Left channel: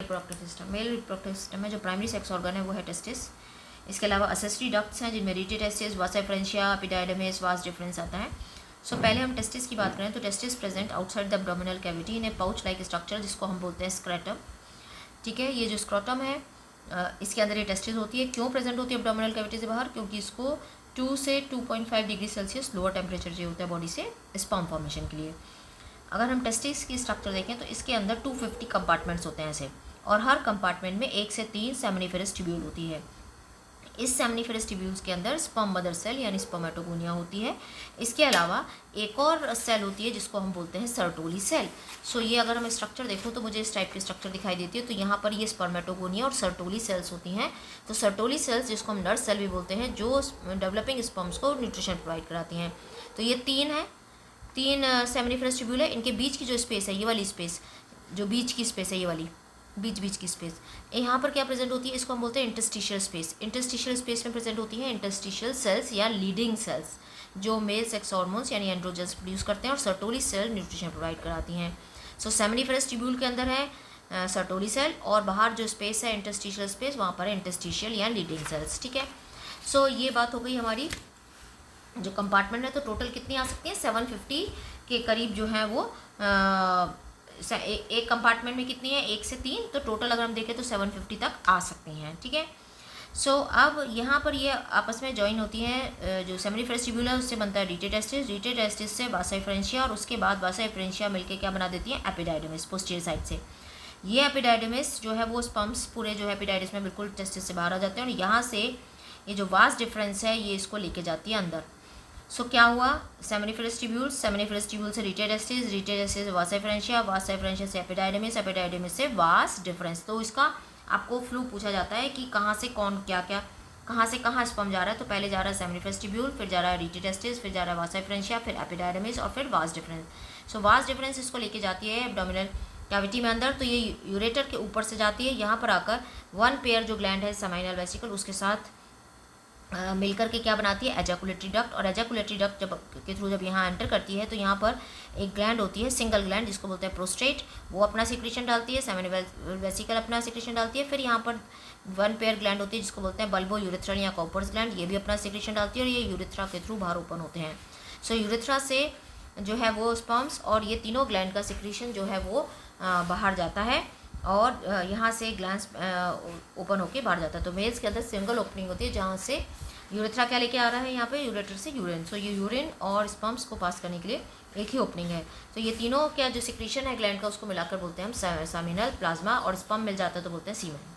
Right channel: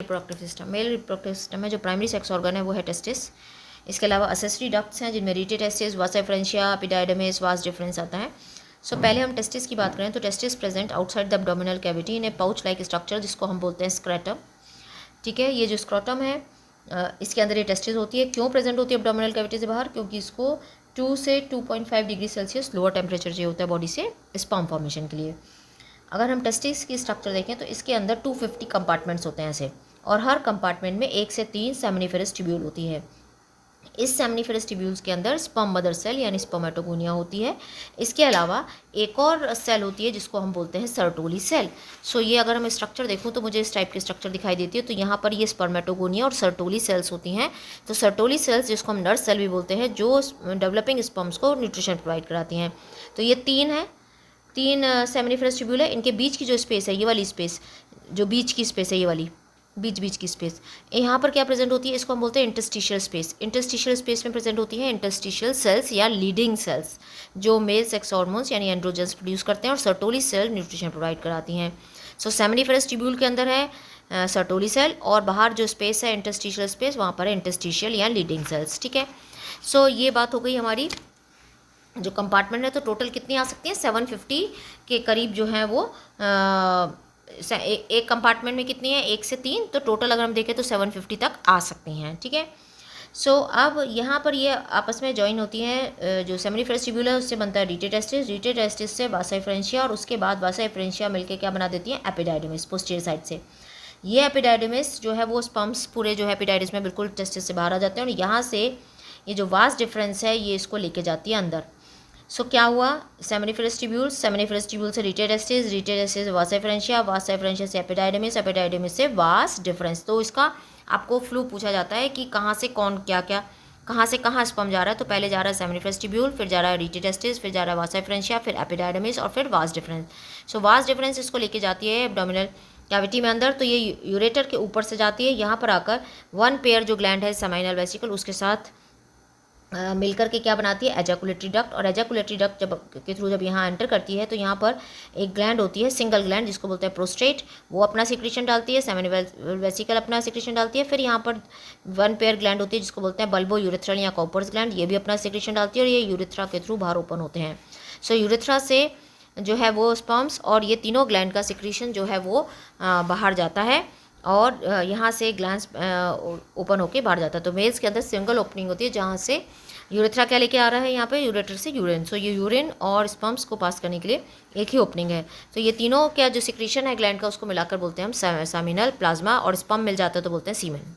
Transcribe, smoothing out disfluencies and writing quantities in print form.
Reproductive system, male reproductive system में जो primary sex organ है वो है टेस्टिस। इसके अलावा असेसरी डक्ट्स हैं जिनमें रीटे टेस्टिस, वासा फ्रेंशिया, एपिडाइडमिस, वास डिफरेंस आता है। सो पहले हम टेस्टिस की बात करें तो testis present outside the abdominal cavity in A pouch like structure जिसको हम बोलते हैं स्क्रेटम। ठीक है, ये जो स्क्रोटम है इसके अंदर ये टेस्टिस होती है। क्यों प्रेजेंट होती है एब्डोमिनल कैविटी से बाहर? क्योंकि इसको 2 से 2.5 डिग्री सेल्सियस लोअर टेम्परेचर चाहिए होता है बॉडी से स्पर्म फॉर्मेशन के लिए। अगर हम टेस्टिस की स्ट्रक्चर देखें तो इसके अंदर 250 कंपार्टमेंट्स होते हैं ऐसे, और हर कंपार्टमेंट में 1 से 3 सेमिनिफेरस ट्यूब्यूल होती है। इस सेमिनिफेरस ट्यूब्यूल्स के अंदर स्पर्म मदर सेल यानी स्पर्मेटोगोनिया होती है। इसके अलावा एक और सेल होती है जिसको हम बोलते हैं सर्टोली सेल। सो ये अगर हम स्ट्रक्चर देखूँ तो मुझे इस टाइप की स्ट्रक्चर दिखाई देती है। तो यहाँ पर ये स्पर्मेटोगोनिया और सर्टोली सेल्स होती हैं। तो सर्टोली सेल्स जिसको हम नर्स सेल भी बोलते हैं जो डेवलपिंग स्पर्म्स को न्यूट्रिशन प्रोवाइड कराती हैं। तो ये तीन सेमिनिफेरस ट्यूब्यूल है। इनके बीच की जो स्पेस है, ये वाली स्पेस, जो बीच की स्पेस है, ये वाली बीच की स्पेस, यहाँ पर क्या प्रेजेंट होती है? इसको हम बोलते हैं इंटरस्टिशियल स्पेस। इंटरस्टिशियल स्पेस में प्रेजेंट होती है इंटरस्टिशियल सेल्स या लीडिंग सेल्स जो मेल सेक्स हार्मोन्स यानी एंड्रोजन्स प्रोड्यूस करते हैं, और सर्टोली सेल न्यूट्रिशन प्रोवाइड कराती हैं। सो सेमिनिफेरस ट्यूब्यूल के अंदर है सर्टोली सेल, और बाहर जो स्पेस है इंटरस्टिशियल स्पेस, वहाँ पर है इंटरस्टिशियल या लीडिंग सेल्स। ठीक है, सो ये बात हो गई हमारी जो कंपार्टमेंट है। तो टोटल कितनी आ सकती है? 750 के करीब जो है वो एक कंपार्टमेंट में कितनी है? 1 से 3। तो टोटल अगर हम देखें तो 750 तक आ सकती हैं। ठीक है, सो अब यहाँ पर ये आपस में ज्वाइन होती हैं। जो सेमिनिफेरस ट्यूब्यूल है उससे बनता है रीटे टेस्टिस, रीटे टेस्टिस से वासा फ्रेंशिया, और उसके बाद वासा फ्रेंशिया मिलकर क्या बना देती हैं? एपिडाइडमिस पोस्टीरियर साइड से। ये एपिडाइडमिस जो है वो स्पर्म्स पूरे जो है एपिडाइडमिस में बिल्कुल टेस्टिस से बाहर आ जाते हैं, और यहाँ से ये जो वास डिफरेंस है ये इसको लेके जाती है अंदर। सो क्या हुआ? सेमिनिफेरस ट्यूब्यूल से रीटे टेस्टिस वासा फ्रेंशिया से एपिडाइडमिस से वास डिफरेंस। तो इसका आपको फ्लू पूछा जाता है कि कहाँ से कौन क्या क्या कहाँ से कहाँ स्पर्म जा रहा है। तो पहले जा रहा है सेमिनिफेरस ट्यूब्यूल, फिर जा रहा है रीटे टेस्टिस, फिर जा रहा है वासा फ्रेंशिया, फिर एपिडाइडमिस, और फिर वास डिफरेंस। सो वास डिफरेंस इसको लेके जाती है एब्डोमिनल कैविटी में अंदर। तो ये यूरेटर के ऊपर से जाती है, यहाँ पर आकर वन पेयर जो ग्लैंड है सेमाइनल वेसिकल उसके साथ मिलकर के क्या बनाती है? Ejaculatory duct. और एजैकुलेटरी डक्ट के थ्रू जब यहाँ एंटर करती है तो यहाँ पर एक ग्लैंड होती है, सिंगल ग्लैंड, जिसको बोलते हैं प्रोस्टेट। वो अपना सिक्रीशन डालती है, सेमिनल वेसिकल अपना सिक्रीशन डालती है। फिर यहाँ पर वन पेयर ग्लैंड होती है जिसको बोलते हैं बल्बो यूरेथ्रल या कॉपर्स ग्लैंड, ये भी अपना सिक्रीशन डालती है, और ये यूरेथ्रा के थ्रू बाहर ओपन होते हैं। सो यूरेथ्रा से जो है वो स्पर्म्स और ये तीनों ग्लैंड का सिक्रीशन जो है वो बाहर जाता है, और यहाँ से ग्लैंड्स ओपन होके बाहर जाता है। तो मेल्स के अंदर सिंगल ओपनिंग होती है जहाँ से यूरेथ्रा क्या लेके आ रहा है यहाँ पे? यूरेटर से यूरिन। सो ये यूरिन और स्पर्म्स को पास करने के लिए एक ही ओपनिंग है। तो ये तीनों क्या जो सिक्रीशन है ग्लैंड का उसको मिलाकर बोलते हैं हम सेमिनल प्लाज्मा, और स्पर्म मिल जाता है तो बोलते हैं सीमेन।